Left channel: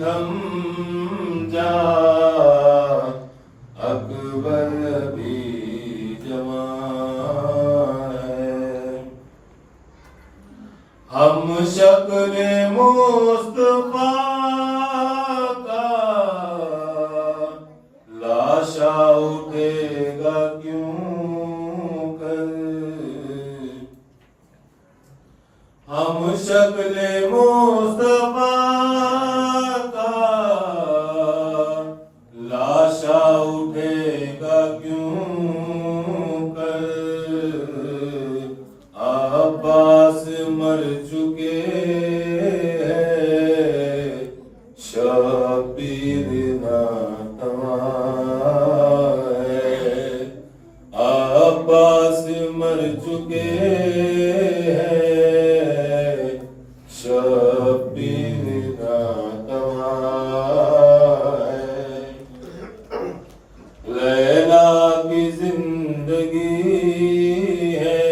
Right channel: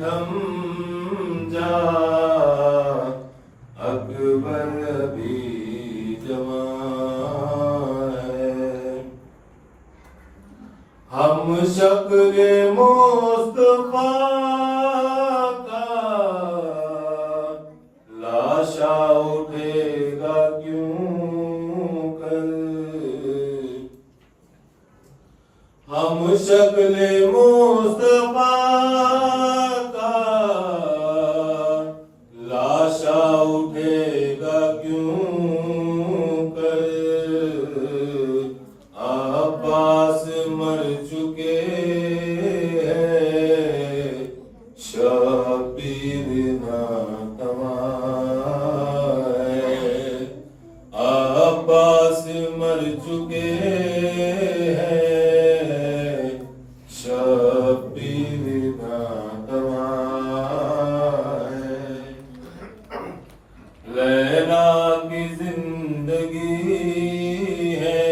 تھم جا اکبر بھی جوان ہے. ہم شکل مصطفیٰ کا لاشا اٹھے گا کیوں کر. ہم شکل مصطفیٰ کا لاشا اٹھے گا کیوں کر. عباس مر چکے ہیں شبیر ناتواں ہے. عباس مر چکے ہیں شبیر ناتواں ہے. لیلا کی زندگی ہے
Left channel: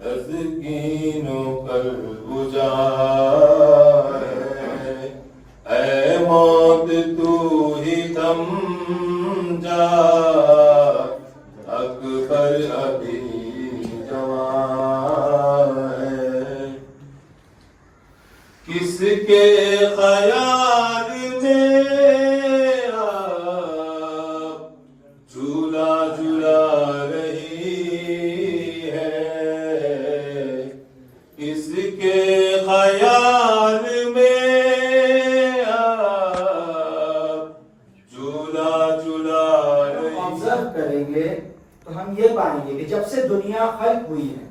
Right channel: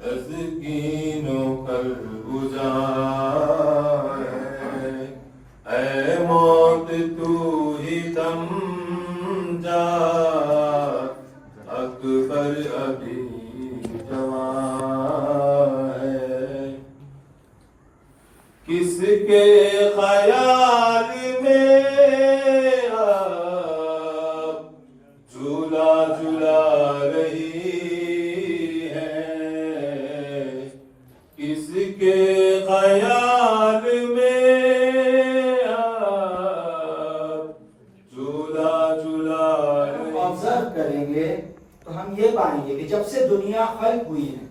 تسکین و قلب اجاڑ ہے. اے موت تو ہی تھم جا اکبر ابھی جوان ہے. کس کے خیال میں آپ جھولا جھولا رہی ہے. کس کے خیال میں آپ جھولا جھولا رہی. آبزرو کریں گے تو ہم یہ پائیں گے کہ جب سے دنیا خلق ہوئی ہے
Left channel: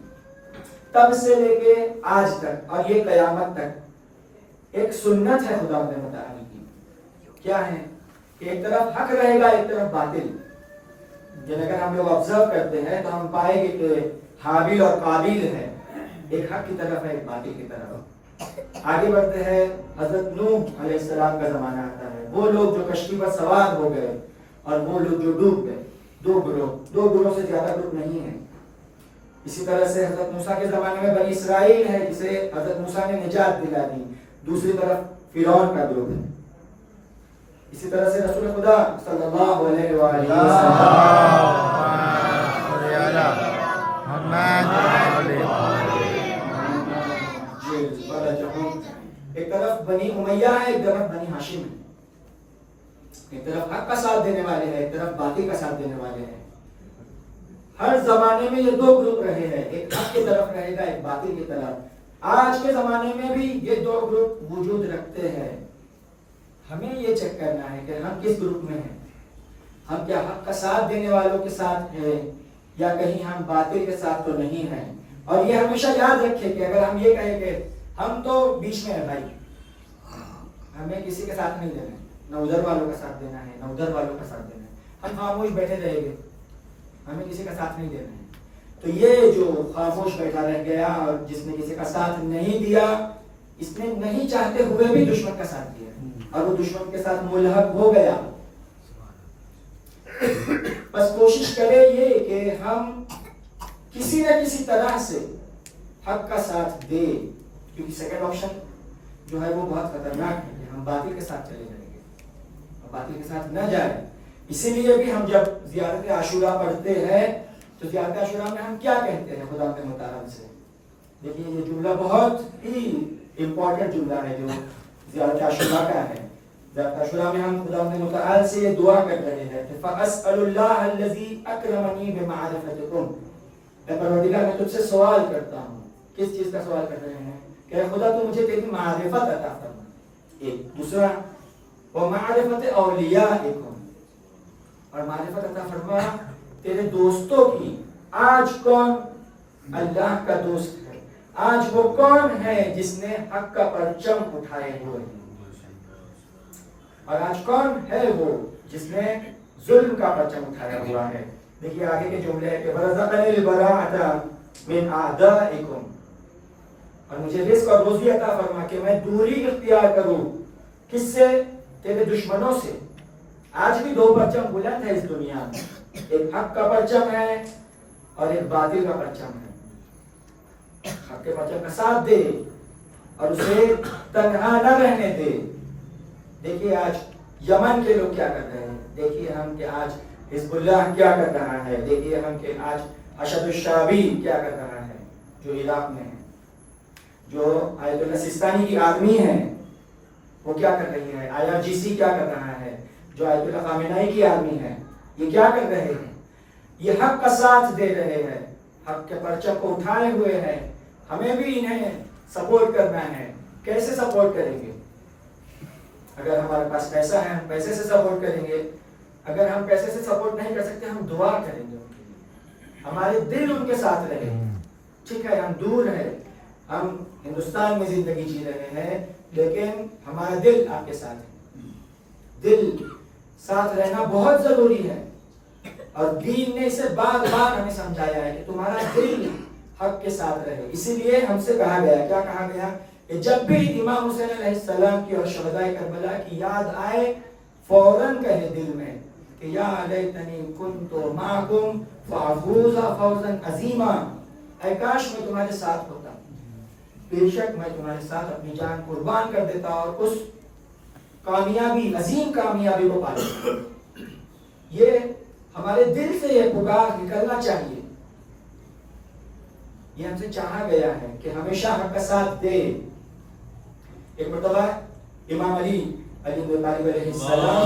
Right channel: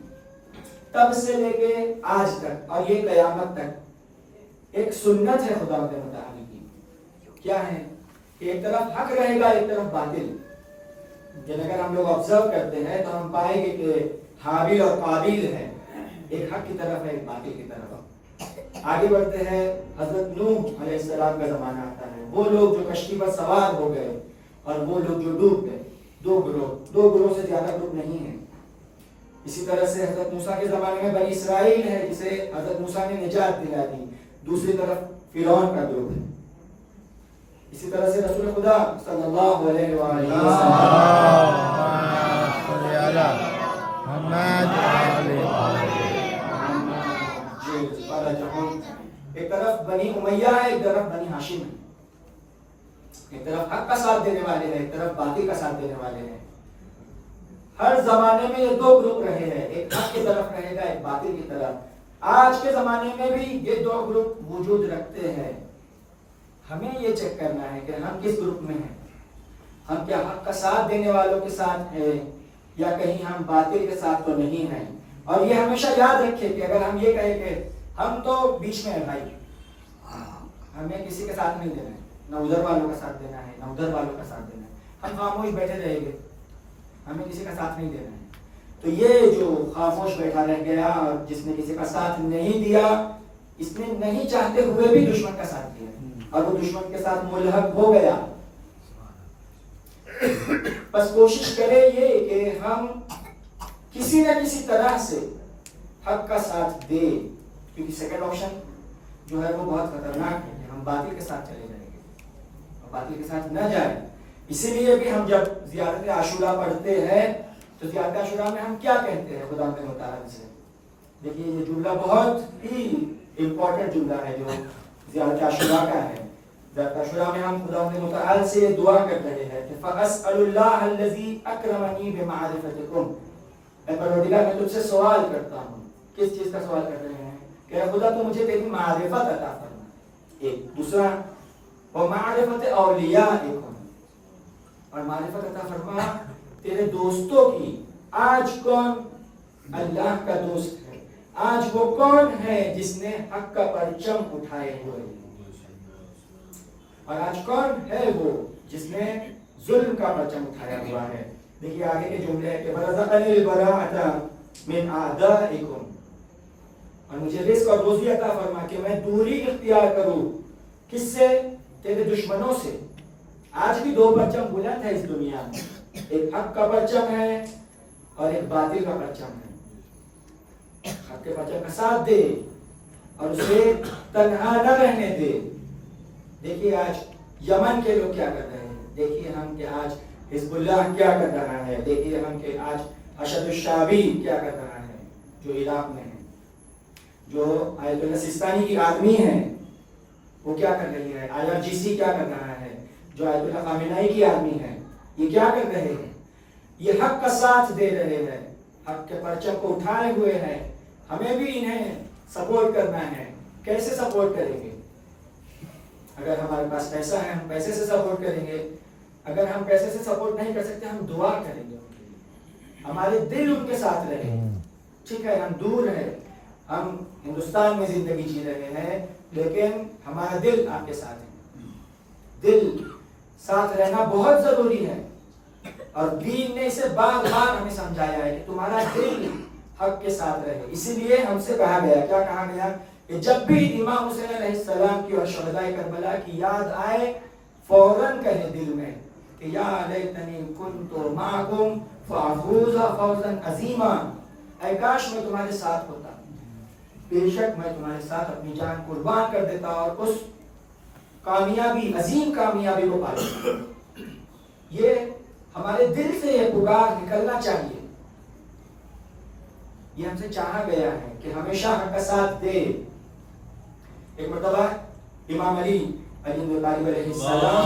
تب سے لے کے آج تک اور یہ قیامت تک ایک سنت ہے خدا متعالی کی. کیا ہے کہ ایک طرف حق رہے گا ایک طرف باطل. اگر ہم لوگ آبزرو کرتے ہیں تو ہم پائیں گے کہ حابیل اور قابیل ہے, ایک حق کی طرف ہے ایک باطل کی طرف. آگے بڑھتے ہیں, حضرت نوح علیہ السلام کا زمانہ آتا ہے. وہ لوگ جو کشتی پر سوار ہو گئے اور وہ لوگ جو ڈوب گئے, دو گروہ سے زیادہ گروہ نہیں ہیں. اسی طرح سے حضرت موسیٰ کے زمانے میں بنی اسرائیل ہے جسے حضرت موسیٰ نے نجات دلا دی. دوسری طرف فرعون کا گروہ ہے. اسی طرح سے رسول خدا صلی اللہ علیہ وآلہ وسلم ایک طرف بنی امیہ ہے ایک طرف بنی ہاشم ہے. ایک طرف حق کا ساتھ دینے والے ہیں ایک طرف باطل کا ساتھ دینے والے ہیں. ہر زمانے میں یہ دو گروپ رہے ہیں, ایک حق کی طرف رہے گا ایک باطل کی طرف. آج کے زمانے میں بھی یہ دو گروپ وجود رکھتے ہیں. ہمیں یہ چیک کرنا ہے کہ ہم کس گروپ میں ہیں. ہم کیا حق کا ساتھ دینے والوں کے ساتھ ہیں یا کہیں ہم باطل کے ساتھ تو نہیں ہیں. اور یہ ہمیشہ یاد رکھیں کہ اگر ہم یہ کہیں کہ ہم تو بیچ میں ہیں بھائی, ہمیں کسی کے ساتھ نہیں دینا ہے, نہ ادھر والوں کا ساتھ دینا ہے نہ ادھر والوں کا ساتھ دینا ہے, ہم خاموش بیٹھے رہیں گے, ہمیں کسی کا ساتھ نہیں دینا ہے. تو یہ جو خاموش بیٹھا رہ گیا اور جس نے کسی کا ساتھ نہیں دیا, اس نے نہیں چاہتے ہوئے بھی دشمن کا ساتھ دیا اور وہ دشمن کے ساتھ ملحق ہو گیا. بس کوشش کرے یہ کہ ہم کسی نہ کسی طرح سے حق کا ساتھ دے, کیونکہ سیکنڈ آپشن جو ہے وہ بہت خطرناک ہے کہ ہم باطل کے ساتھ چلے جائیں گے اور باطل کے ساتھ نہ جائیں. اسی لیے بھی ہم جب زیارت عاشورہ پڑھتے ہیں تو زیارت عاشورہ میں ہم کیا کہتے ہیں خدا کے متعال سے. دیکھیے یہ جملہ بہت ہی امپورٹنٹ جملہ ہے جو زیارت عاشورہ کا ہے. زیارت عاشورہ میں ہم خدا کے متعال سے دعا کر رہے ہیں کہ فَأَسْأَلُ اللَّهَ الَّذِي أَكْرَمَنِي بِمَعْرِفَتِكُمْ. اے پروردگار میں تجھ سے سوال کرتا ہوں. کس چیز کا سوال کر رہے ہیں کہ اے خدا تو مجھے تیری معرفت عطا فرما. ایک دوسرا وَمَعْرِفَتِ أَوْلِيَائِكُمْ, اور معرفت عطا فرما تیرے دوستوں کی. آج کون اللہ کا دوست ہے, آج وہ کون ہے جس نے حق کا پرچم اٹھائے ہوئے, اور آج کون ہے وہ جس نے ظلم کا پرچم اٹھایا ہوا ہے. دیکھیے آگے کے جملے ہے کہ وَرَزَقَنِي الْبَرَاءَةَ مِنْ أَعْدَائِكُمْ, اور مجھے رزق اور روزی عطا فرما کہ میں دوری اختیار کروں کس سے, تیرے دشمنوں سے. آج بھی دو پرچم بلند ہے اس دنیا میں, ایک حق کا پرچم ہے اور ایک باطل کا پرچم ہے. حق کے پرچم کا ساتھ دے اور اسے تنہا نہ رہنے دے, دیکھیے آج یمن کے لوگ کیا کر رہے ہیں، دیکھیے ہم کہ آج حزب اللہ کیا کر رہا ہے، دیکھیے ہم کہ آج اشد الشعبی کیا کر رہا ہے جو عراق میں ہے، جو آیت اللہ سستانی کی آدمی ہے وہ کیا کر رہی ہے، IRGC کیا کر رہا ہے، جو آیت اللہ خامنہئی کی آدمی ہے، یہ کیا کر رہے ہیں، یہ حق کا ساتھ دے رہے ہیں، حق کے پرچم کو اٹھائے ہوئے ہیں، ہمیں بھی انہیں سپورٹ کرنا ہے۔ کیسے سپورٹ کریں گے؟ اگر ہمارے پاس پیسہ ہے ہم پیسے سے سپورٹ کریں گے، اگر ہم پیسے سے سپورٹ نہیں کر سکتے ہم دعا کریں گے ان کے لیے، ہمارے دل ان کے ساتھ رہے۔ ٹھیک ہے ہم دور ہیں، ہم ہندوستان میں زندگی جی رہے ہیں، لیکن ہمارا دل آپ کے ساتھ ہے، دل ساتھ رہنا بہت ضروری ہے، اور دین نے اسے بار بار ہمیں سمجھایا ہے کہ تمہارا دل حق کے ساتھ رہے۔ اسی لیے ہم سے کہا گیا، کیا کہا گیا کہ جب بھی امام حسین علیہ السلام کی اور شہداء کربلا کی یاد آئے فوراً کہے دل میں کہ یا لیتنی کنت معکم فافوز فوزا عظیما، اے کاش میں تمہارے ساتھ ہوتا، بے شک میں تمہارے ساتھ اپنی جان قربان کر دیتا اور اس کامیابی، عظیم کامیابی کو پا لیتا۔ یہ ہمارے دل سے یہ پکار نکلنا چاہیے، یہ ہم سے چاہا گیا ہے کہ ہمیشہ حق کا ساتھ دے۔ ایک مرتبہ امام علی ابی طالب علیہ السلام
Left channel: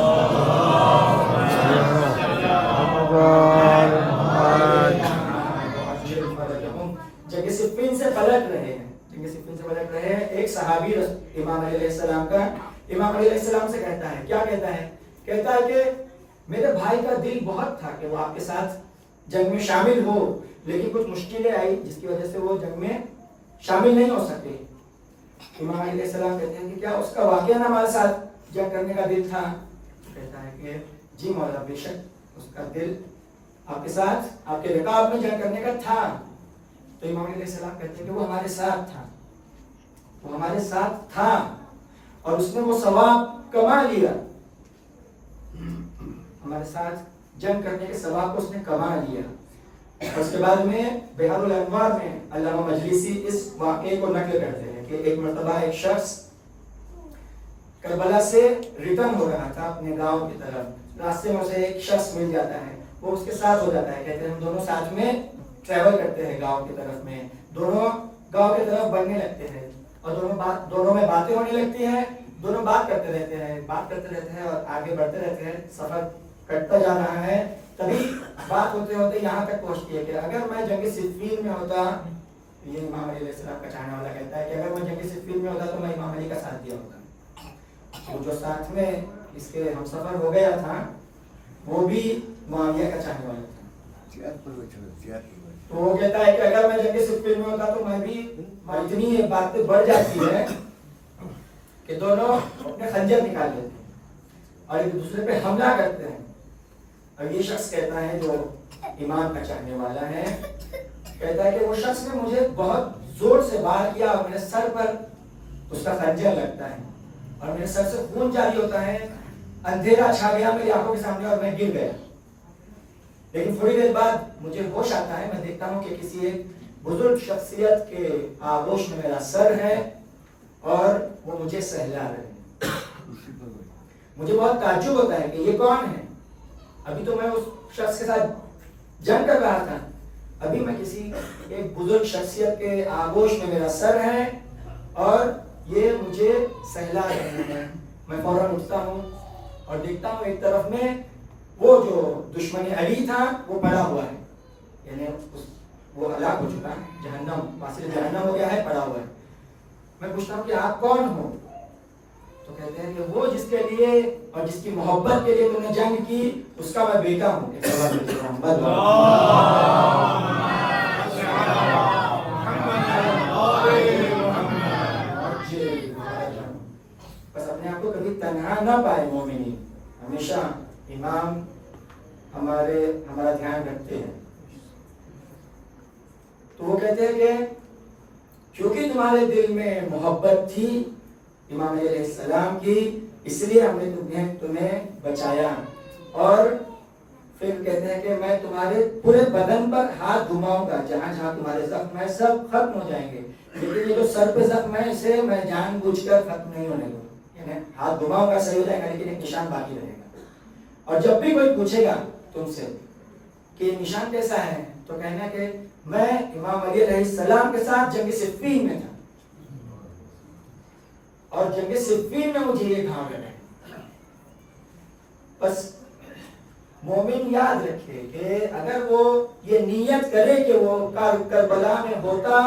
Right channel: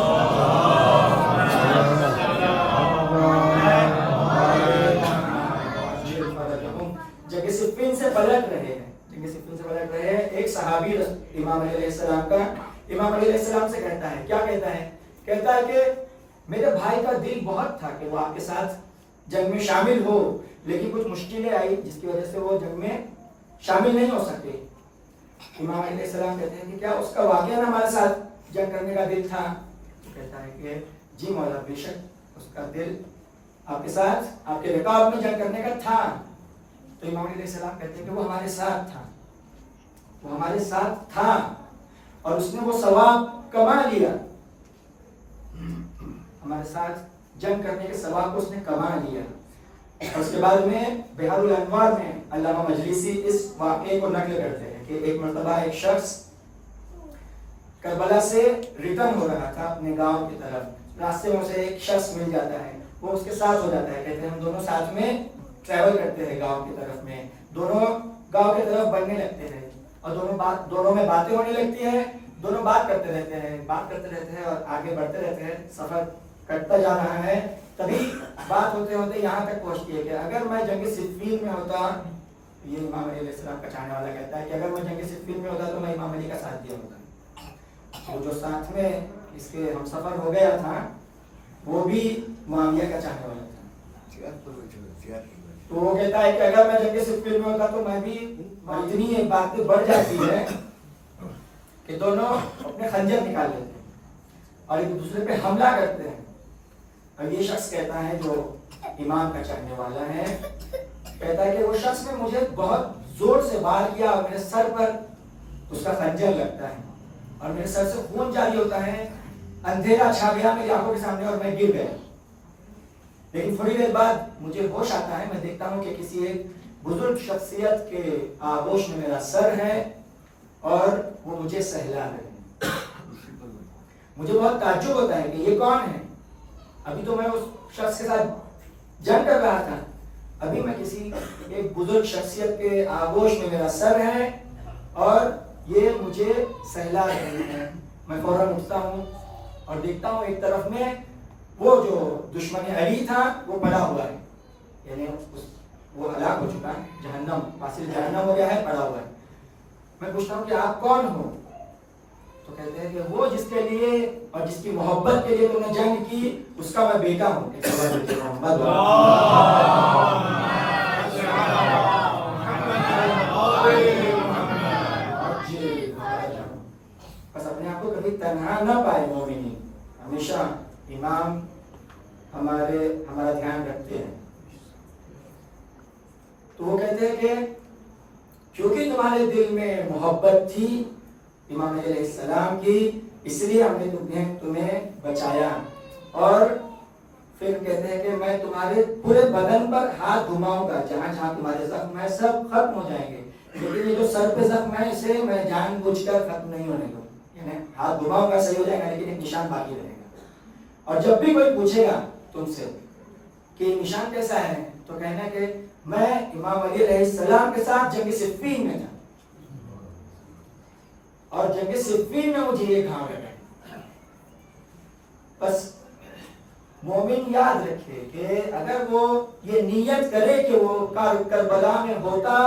جنگ صفین سے پلٹ رہے ہیں، ایک صحابی امام علیہ السلام کا امام علیہ السلام سے کہتا ہے، کیا کہتا ہے؟ کہتا ہے کہ میرے بھائی کا دل بہت تھا کہ وہ آپ کے ساتھ جنگ میں شامل ہو، لیکن کچھ مشکلیں آئی جس کی وجہ سے وہ جنگ میں شامل نہیں ہو سکے۔ امام علیہ السلام کہتے ہیں کہ کیا اس کا واقعہ ہمارے ساتھ جنگ کرنے کا دل تھا؟ کہتا ہے کہ جی مولا بے شک اس کا دل آپ کے ساتھ آپ کے رکاب میں جنگ کرنے کا تھا۔ تو امام علیہ السلام کہتے ہیں کہ وہ ہمارے ساتھ تھا، وہ ہمارے ساتھ تھا اور اس نے وہ ثواب کما لیا، ہمارے ساتھ جنگ کرنے کے ثواب کو اس نے کما لیا۔ اور اس کے بعد میں بحار الانوار میں علامہ مجلسی اس واقعے کو نقل کرتے ہیں کہ ایک مرتبہ ایک شخص کربلا سے ریٹرن ہو رہا تھا اپنے گاؤں کی طرف، راستے میں اسے ایک شخص مل جاتا ہے، وہ اس کے ساتھ ہو جاتا ہے، کہتے ہیں ہم دونوں ساتھ میں ٹریول کرتے ہیں گاؤں کی طرف میں، دونوں گاؤں کی طرف بڑھنے لگتے ہیں اور دونوں میں باتیں ہونے لگتی ہیں، دونوں بات کرتے رہتے ہیں اور آگے بڑھتے رہتے ہیں، سفر کٹتا جا رہا ہے۔ تبھی بات ہوتے ہوتے یہاں تک پہنچتی ہے کہ اگر میں جنگ صفین میں ہوتا، یہ امام علیہ السلام کا چاہنے والا کہتا ہے کہ اگر میں جنگ صفین میں ہوتا تو میں امام علی کا ساتھ دیا ہوتا، وہ جو ساتھ میں اس کے ہم سفر ہو گیا تھا وہ بھی معاویہ کا چاہنے والا تھا۔ تو وہ کہتا ہے کہ اگر میں جنگ صفین میں ہوتا تو میں بھی، اتنی یہ باتیں بڑھ جاتی ہے کہ دونوں اپنے خنجر نکال لیتے ہیں اور ایک دوسرے پہ حملہ کرتے ہیں۔ اور یہ شخص کہتا ہے جو ایمان کا چاہنے والا ہے، کہتا ہے کہ وہ شخص نے مجھے بہت زور سے وار کیا اور میرے سر پر اس کا خنجر لگتا ہے اور میرے سر سے خون جاری ہوتا ہے، اندھیرا چھا گیا میری آنکھوں کے سامنے اور میں گر گیا، لیکن تھوڑی دیر بعد مجھے ہوش آتا ہے، میں دیکھتا ہوں کہ کسی ایک بزرگ شخصیت کے آغوش میں میرا سر ہے اور وہ مجھے سہلا رہے ہیں۔ مجھے بہت تعجب ہوتا ہے کہ یہ کون ہے، ابھی تو میں اس شخص کے ساتھ جنگ کر رہا تھا، ابھی میں کسی ایک بزرگ شخصیت کے آغوش میں میرا سر ہے اور یہ مجھے سہلا رہے ہیں۔ میں فوراً اٹھتا ہوں اور دیکھتا ہوں ایک طرف میں وہ جو دشمن علی تھا وہ پڑا ہوا ہے، یعنی وہ ہلاک ہو چکا ہے، جہنم واصل جہنم ہو گیا ہے، پڑا ہوا ہے۔ میں پوچھتا ہوں کہ آپ کون ہو؟ تو کہتے ہیں کہ وہ جس کے لیے اور جس کی محبت کے لیے تم نے جنگ کی اس کا میں بیٹا ہوں۔ بس اپنے آپ کو کبھی تنہا نہ پائے مومنین، ہمیشہ امام ہمارا دھیان رکھتے ہیں۔ تو وہ کہتے ہیں کہ کیونکہ تمہارے دل میں محبت تھی امام علیہ السلام کی، اس لیے ہم نے تمہیں بچایا، اور پھر کہتے ہیں کہ میں تمہارے پورے بدن پر ہاتھ گھماؤں گا، جہاں جہاں تمہارے زخم ہیں سب ختم ہو جائیں گے، لیکن یہ جو سر پہ زخم ہے اسے میں جان بوجھ کر ختم نہیں ہونے دوں، یعنی ہاتھ گھماؤ گا صحیح ہو جائے گا لیکن ایک نشان باقی رہے گا. اور جب بھی کوئی پوچھے گا تم سے کہ نشان کیسا ہے تو کہنا کہ میں امام علی علیہ السلام کے ساتھ جنگ صفین میں تھا اور جنگ صفین میں مجھے یہ گھاؤ لگا. بس مومن یاد رکھے کہ اگر وہ یہ نیت کرے کہ وہ کربلا میں ہوتا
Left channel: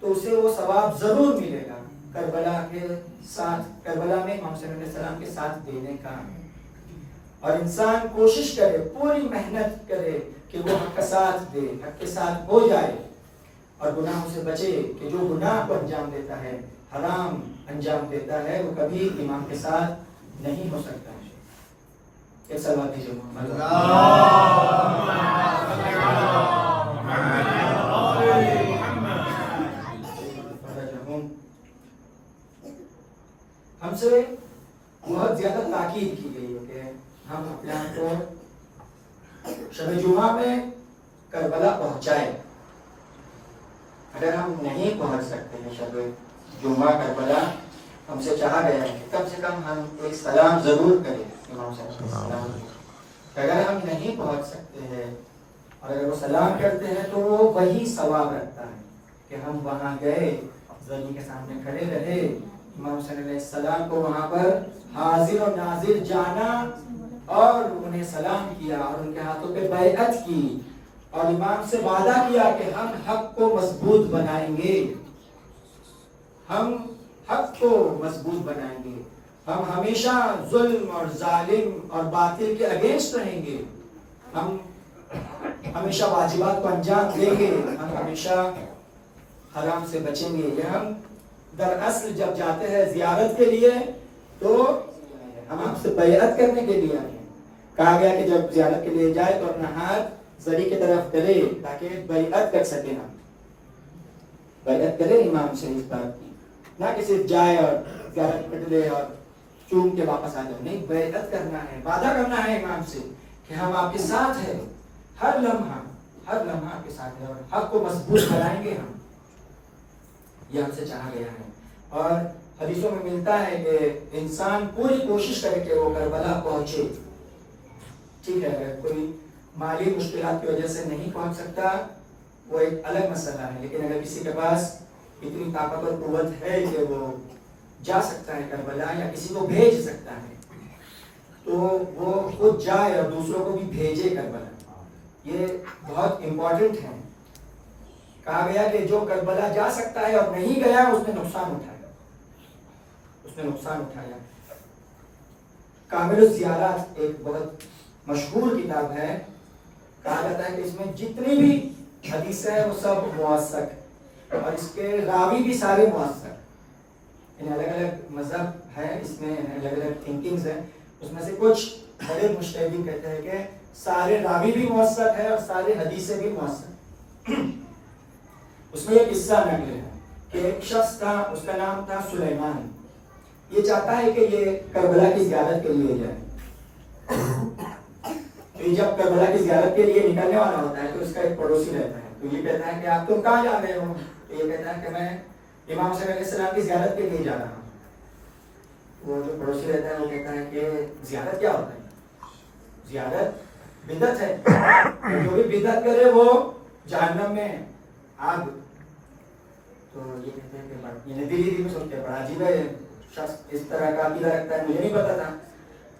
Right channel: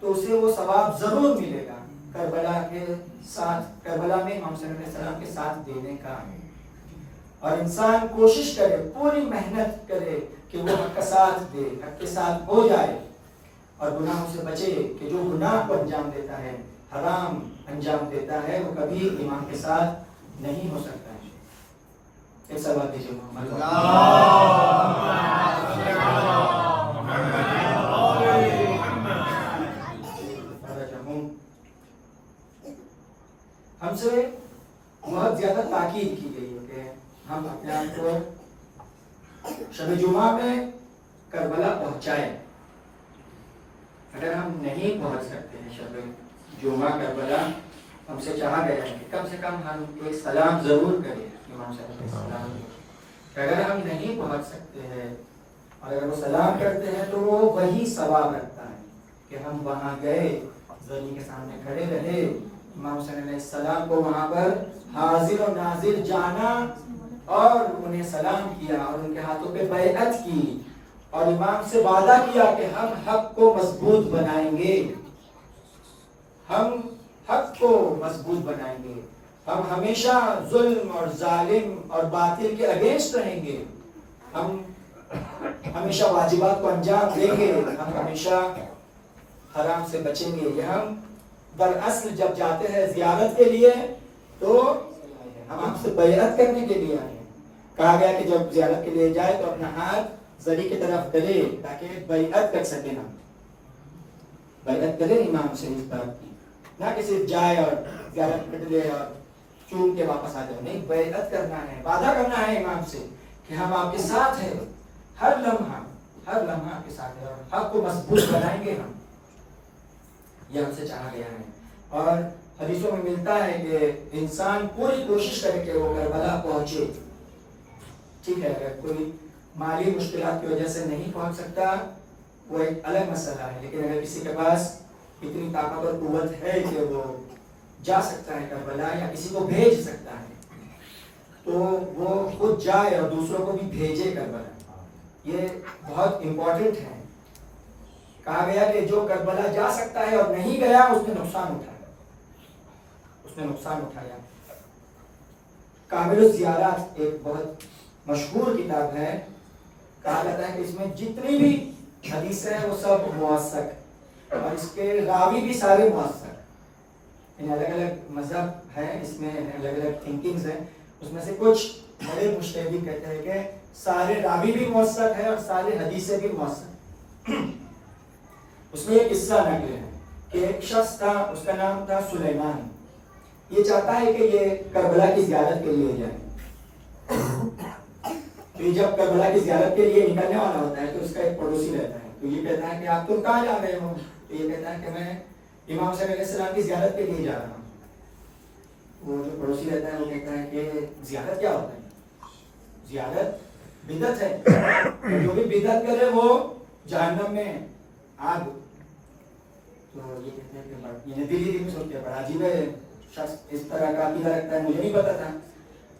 تو اسے وہ ثواب ضرور ملے گا کربلا کے ساتھ، کربلا میں امام صلی اللہ علیہ وسلم کے ساتھ دینے کا. اور انسان کوشش کرے، پوری محنت کرے کہ وہ حق کا ساتھ دے، حق کے ساتھ ہو جائے اور گناہوں سے بچے. کہ جو گناہ کو انجام دیتا ہے، حرام انجام دیتا ہے، وہ کبھی ایمان کے ساتھ نہیں ہو سکتا ہے. ایک سوال دیجیے محمد. ہم سے بہت زیادہ تاکید کی گئی ہے کہ ہم اپنے آپ کو شب جمعہ میں کربلا پہنچائیں. اگر ہم نہیں پہنچ سکتے ہیں شب جمعہ کربلا، ہم سے چاہا گیا ہے کم سے کم ہم ایک سلام ضرور کریں امام صلی اللہ علیہ وسلم. اگر ہم نہیں پہنچ سکتے ہیں اور اگر وہ سلام کرتے ہیں تو وہ وہی ثواب رکھتا ہے کہ ہم وہاں گئے، زمین کے سامنے کھڑے رہے، امام صلی اللہ علیہ وسلم کو وہاں پر حاضر و ناظر جانا اور انہیں سلام کیا اور ان کے ہاتھوں پہ بیعت کی اور امام سے وعدہ کیا کہ ہم حق کو مضبوط بنائیں گے، ہم حق کو مضبوط بنائیں گے، ہم ہمیشہ ظلم اور ظالم اور باطل کے اگینسٹ رہیں گے، ہم ہمیشہ واجبات کو انجام دیں گے، ہم ہمیشہ حرام سے بچیں گے. یہ ہم دراصل جب جاتے ہیں زیارت کے لیے تو ہم آپ سے بیعت کرنے کے لیے آئے ہیں. کہا گیا کہ جب زیارت کے لیے جائے تو اپنا ہاتھ زری کی طرف کرے تاکہ بیعت کر سکے. نا بیعت کرے امام سے اس بات کی، نہ کہ صرف جائے اور زیارت کر لے اور چوم کے واپس آ جائے. نہیں، بیعت کرنا ہے، وعدہ کرنا ہے امام سے کہ ہم آپ کے ساتھ ہیں، ہر لمحہ آپ کے ساتھ ہے اور حق کو مضبوط بنائیں گے. ہم یہ ہم سے چاہا گیا ہے. اور حدیثوں میں ملتا ہے کہ انسان پوری کوشش کرے کہ وہ کربلا پہنچے. ٹھیک ہے، اگر کوئی مالی مشکلات کی وجہ سے نہیں پہنچ سکتا وہ ایک الگ مسئلہ ہے، لیکن اگر کسی کے پاس اتنی طاقت اور قوت ہے کہ وہ جا سکتا ہے کربلا یا کسی کو بھیج سکتا ہے تو وہ خود جائے اور دوسروں کو بھی بھیجے کربلا. یہ بہت امپورٹنٹ ہے. کہا گیا کہ جو کربلا جا سکتا ہے اور نہیں گیا اس نے نقصان اٹھایا. کامل الزیارات ایک بہت مشہور کتاب ہے. کہا جاتا ہے کہ اس میں جتنی بھی حدیثیں ہیں وہ سب موثق اور اس کے راوی بھی سارے موثق. یعنی الگ الگ مذہب ہے، اس میں الگ الگ تھنکنگز ہیں. اس میں سے کچھ بڑے مجتہدین کہتے ہیں کہ سارے راوی بھی موثق ہے اور سارے حدیثیں بھی موثق. اس میں ایک قصہ نقل ہے کہ ایک شخص تھا، اس کا نام تھا سلیمان. یہ چاہتا ہے کہ یہ کربلا کی زیارت کے لیے جائے. تو یہ جب کربلا کی زیارت کے لیے نکلنے والا ہوتا ہے تو اس کا ایک پڑوسی رہتا ہے. تو یہ کہتا ہے کہ آپ تم کہاں جا رہے ہو؟ تو یہ کہتا ہے کہ میں امام صلی اللہ علیہ وسلم کی زیارت کے لیے جا رہا ہوں. وہ جو پڑوسی رہتا ہے وہ کہتا ہے کہ زیارت کیا ہوتا ہے؟ زیارت بدعت ہے، جو بھی بدعت کرے وہ جہنم میں آگ. تو یہ کہتے ہیں کہ یہ دلی میں سنتے ہیں بڑا عجیب ہے، شخص اس طرح کا عقیدہ رکھتا ہے، مجھے نہیں پتا تھا.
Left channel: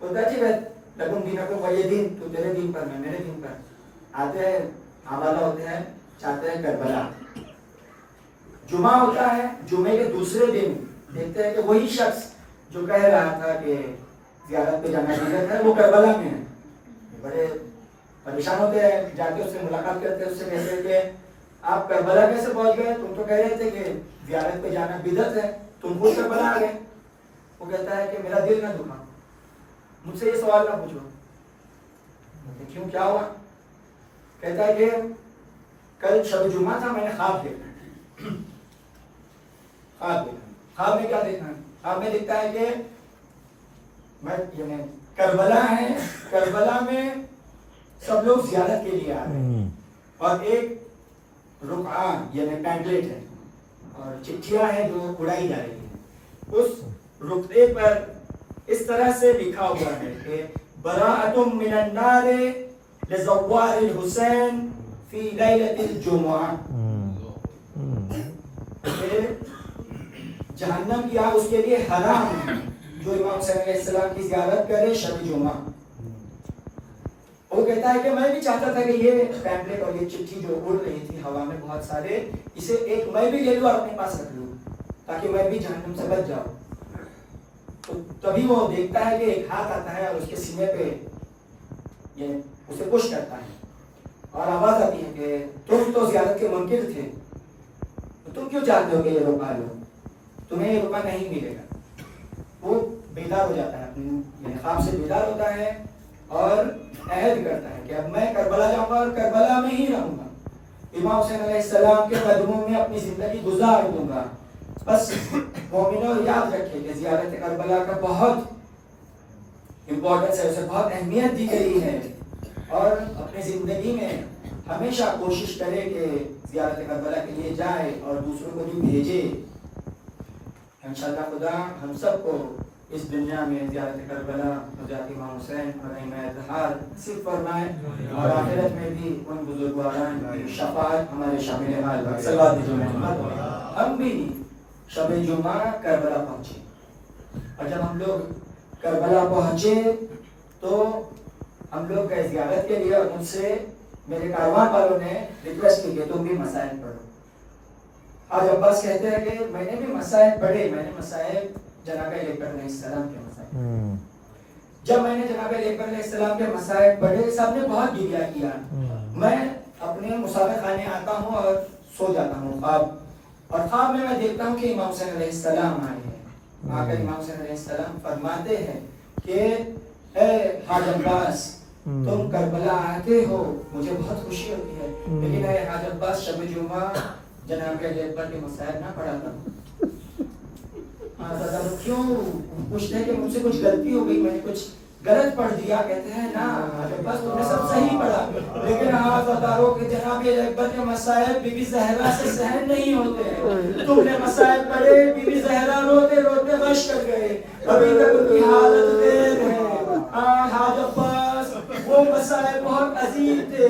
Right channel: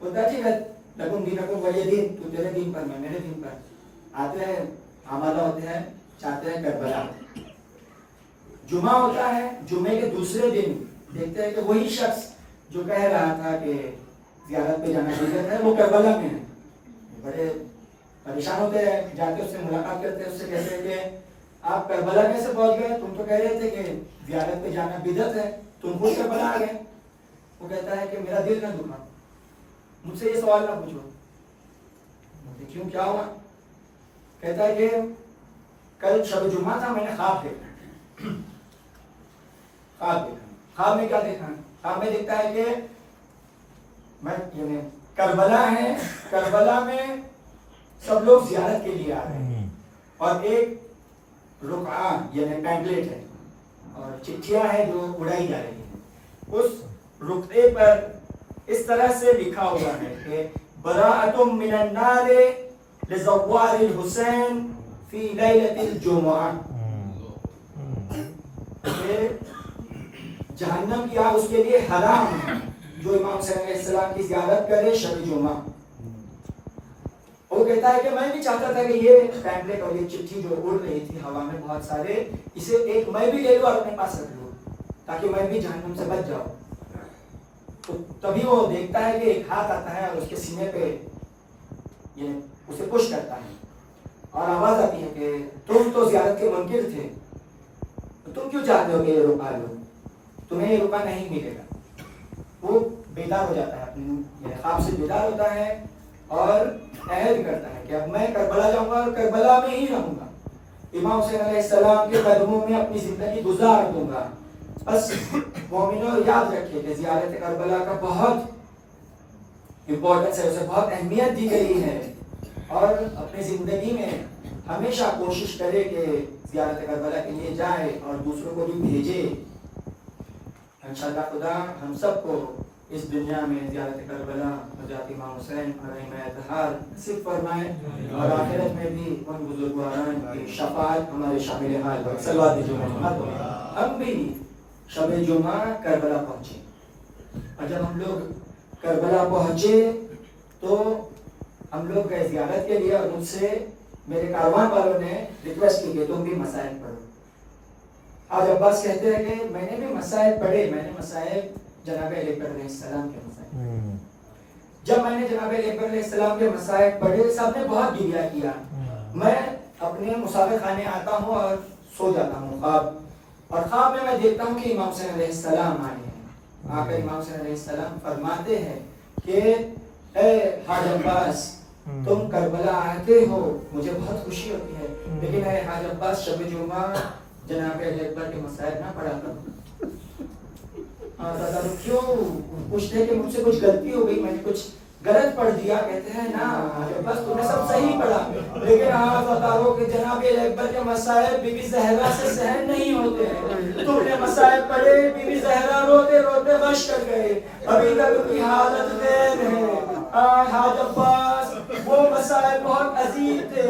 بولتا ٹھیک ہے، لکم دینکم ولی دین، تو تیرے دین پر میں میرے دین پر. آتے ہیں، آمادہ ہوتے ہیں، چاہتے ہیں کربلا. جمعہ ہوتا ہے، جمعے کے دوسرے دن دیکھتے ہیں کہ وہی شخص جو کہہ رہا تھا کہ زیارت پہ جانا بدعت ہے وہ کربلا میں ہے. بڑے پریشان ہوتے ہیں، جاتے اس سے ملاقات کرتے ہیں، اس سے کہتے ہیں کہ آپ کربلا کیسے پہنچ گئے؟ تم تو کہہ رہے تھے کہ زیارت پہ جانا بدعت ہے، تم خود کربلا آ گئے. وہ کہتا ہے کہ میرا دل نہ دکھا، مجھ سے یہ سوال نہ پوچھو. کیوں، کیا ہوا؟ کہتا ہے کہ کل شب جمعہ تھا، میں نے خواب دیکھا. خواب میں کیا دیکھا؟ خواب میں دیکھتا ہے کہ میں یعنی کربلا ہے، کربلا میں سب لوگ زیارت کے لیے آ رہے ہیں اور ایک رقعہ یعنی پیمفلیٹ ہے اور چٹھیاں ہیں جو اڑائی جا رہی ہیں. اس رقعے پر اس طرح سے لکھا ہوا ہے کہ براءۃ من النار لزوار الحسین فی لیلۃ الجمعہ، کہ جہنم کی آگ اس کے لیے حرام ہے جو امام حسین علیہ السلام کی زیارت کرے شب جمعہ۔ وہ کہتا ہے کہ میں بھی چاہتا تھا کہ یہ پیمفلیٹ اور یہ چٹھی جو اڑ رہی تھی ہوا میں بہت سارے، اسے ایک میں بھی لے لوں اور اپنے پاس رکھ لوں تاکہ میں بھی جہنم سے بچ جاؤں۔ تو تبھی وہ دیکھتا ہے کہ ایک ہاتھ آتا ہے اور اس کے سینے پہ یہ اسے پش کرتا ہے اور آواز آتی ہے کہ تم تو زیارت کے منکر تھے، تم کیوں چاہتے ہو کہ یہ روکا لو، تمہیں یہ روکا نہیں ملے گا۔ وہ بیدار ہو جاتا ہے، اپنے خواب سے بیدار ہوتا ہے اور عہد کرتا ہے کہ اب میں کربلا جاؤں گا اور کربلا میں ہی رہوں گا، امام حسین علیہ السلام کے قدموں میں اپنی زندگی گزار دوں گا۔ بس مومنوں یاد رکھے کہ زیارت کربلا کا بہت امپورٹنس ہے، اسے بہت اہمیت دی گئی ہے، اور اپنی زندگی میں ہمیشہ کوشش کرے کہ زیارت کربلا کے لیے جائے اور دوسروں کو بھی بھیجے۔ انشاءاللہ خدا ہم سب کو اس دنیا میں زیارت کربلا حضرت امام حسین علیہ السلام نصیب فرمائے، اور آخرت میں بھی ان بزرگواران کی شفاعت ہمارے شامل حال پر صلوات محمد۔ ہم بھی شب جمعہ کربلا پہنچے، اور جب ہم لوگ کربلا پہنچے تو ہم لوگ گئے زیارت کے لیے، اور مجھ سے میرے کاروان والوں نے ریکویسٹ کی کہ تم بھی مصائب پڑھو۔ حاج عباس کہتے ہیں کہ میں نے بھی مصائب پڑھے، میں نے مصائب جناب علی اکبر علیہ السلام کے مصائب، جب میں نے جناب علی اکبر علیہ السلام کے مصائب پڑھے سب نے بہت گریہ کیا۔ میں اپنے مسافر خانے آتا ہوں اور سو جاتا ہوں خواب، اور خواب میں دیکھتا ہوں کہ امام حسین علیہ السلام آئے ہیں۔ آ کر امام حسین علیہ السلام فرماتے ہیں کہ اے حاج عباس تم کربلا آتے ہو، مجھے بہت خوشی ہوتی ہے، لیکن اے حاج عباس شب جمعہ جناب علی اکبر کے مصائب نہ پڑھا کرو۔ کیوں پوچھتے کہ مجھ سے کچھ غلطی ہو گئی، میں نے کچھ غلط پڑھ دیا؟ کہتے ہیں نا حاج عباس تم نے سب صحیح پڑھا، لیکن آپ بتاؤ کہ جناب علی اکبر کے مصائب بی بی زہرا سے سہن نہیں ہوتے ہیں۔ تم نے مصائب پڑھے، بی بی زہرا روتے روتے غش کر گئے، ابھی تک ان کی حالت دیر ہے۔ حاج عباس وہ مصائب بہت عظیم تھے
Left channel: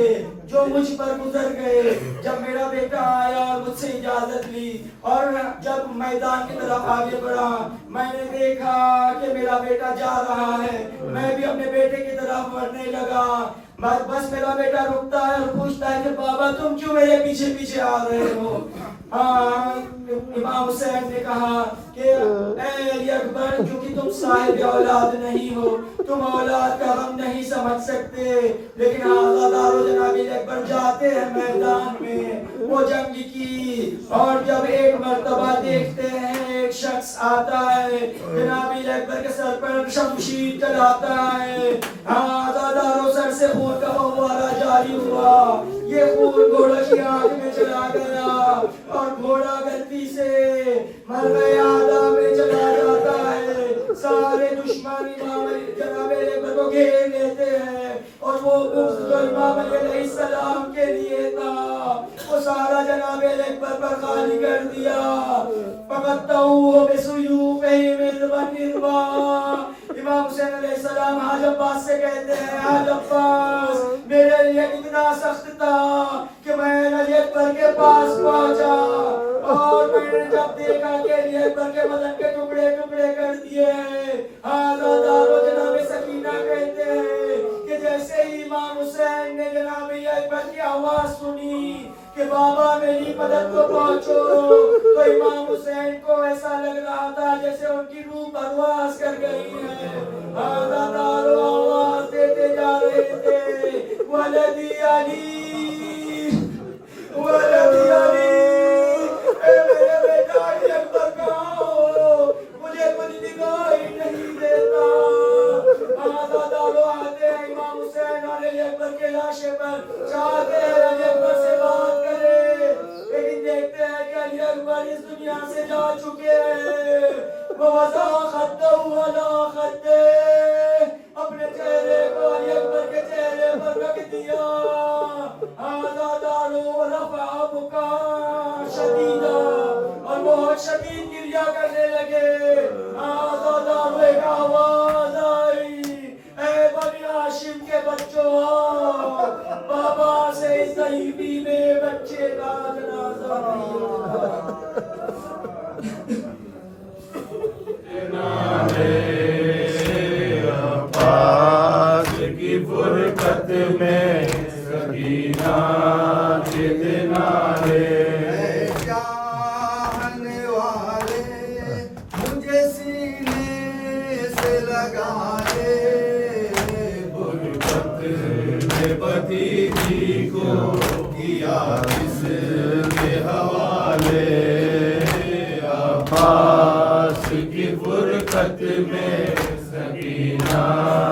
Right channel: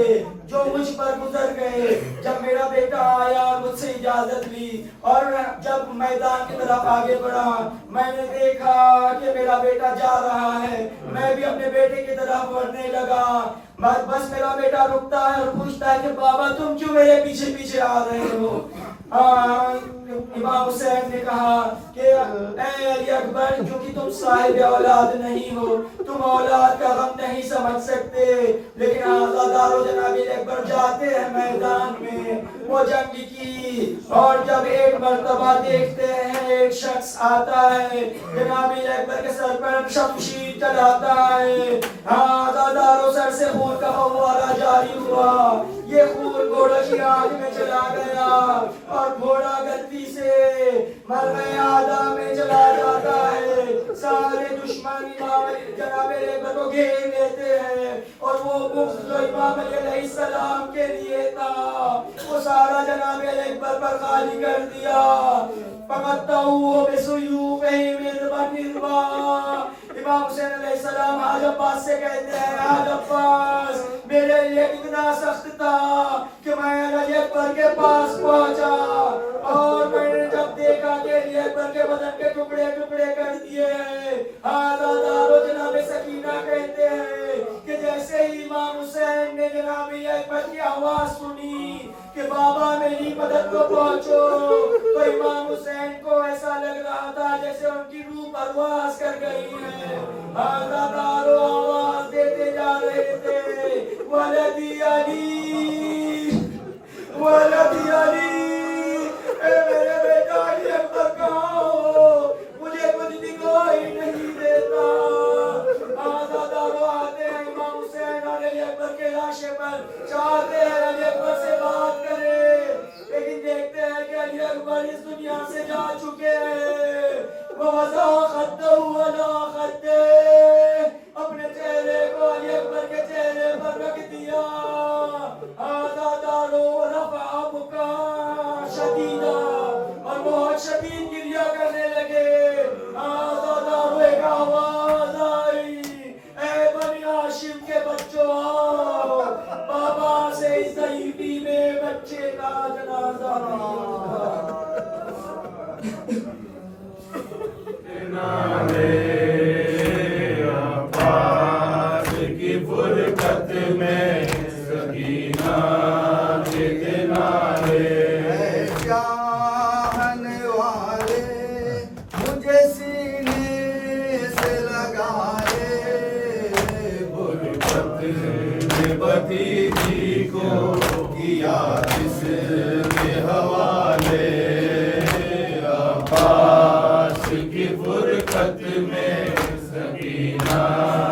جو مجھ پر گزر گئے۔ جب میرا بیٹا آیا مجھ سے اجازت لی، اور جب میدان کی طرف آگے بڑھا میں نے دیکھا کہ میرا بیٹا جا رہا ہے، میں بھی اپنے بیٹے کی طرف بڑھنے لگا۔ بس میرا بیٹا رکتا ہے اور پوچھتا ہے کہ بابا تم کیوں میرے پیچھے پیچھے آ رہے ہو؟ امام حسین نے کہا کہ اے علی اکبر کیونکہ تم صاحب اولاد نہیں ہو، تم اولاد کا غم نہیں سمجھ سکتے، لیکن آزادار و جناب علی اکبر جاتے ہیں میدان میں وہ جنگ کی، اور جب ایک مرتبہ دیکھتے ہیں ایک شخص آتا ہے جناب علی اکبر کے سر پر شمشیر چلاتا ہے، آزادار سر سے خون کا فوارہ جاری ہوا، یہ خون گھوڑے کی آنکھ میں چلا گیا اور گھوڑا غلطی سے مرغے آدم میں چلا جاتا ہے۔ سارے دشمن امام علی جناب علی اکبر کو گھیر لیتے ہیں، اور وہ مفت جو امام علی علیہ السلام کے لیے تھا وہ سارا جناب علی اکبر پر خالی کر دیا۔ فقطعوه بسيوفهم الغدرا۔ امام حسین علیہ السلام حاج عباس سے کہتے ہیں حاج عباس میرے لیے اتنا سخت تھا کہ میں علی اکبر کے پاس پہنچا، اور میں نے جب دیکھا کہ علی اکبر کے بدن کے ٹکڑے ٹکڑے کر دیے، آزادار و جناب سکینہ کہتے ہیں کہ جیسے ہی امام حسین نے جناب علی اکبر کی آواز سنی کہ بابا میری مدد کو پہنچو، تو امام حسین کو ایسا لگ رہا تھا جیسے ان کی روح پرواز کر گئی ہے۔ آزادار و آواز دیتے جا رہے تھے ولدی علی، ولدی علی، اے میرے بیٹا علی اکبر کہاں ہو؟ مجھے کچھ دکھائی نہیں دیتا۔ آزادار و آتے ہیں امام حسین اور علی اکبر کے لاشے پر، چاہتے ہیں علی اکبر سے بات کرے، لیکن دیکھتے ہیں کہ علی اکبر اس دنیا سے جا چکے ہیں۔ وَوَضَعَ خَدَّهُ عَلَىٰ خَدِّهِ، اپنے چہرے کو علی اکبر کے چہرے پر رکھ دیا۔ آزادار رفع بُكَاءً شَدِيدًا، اور بہت شدید گریہ کرنے لگے۔ آزادار ایک آواز لگائے غربت میں بھتیجی کو کیا کس کے حوالے عباس کی فرقت میں سکینہ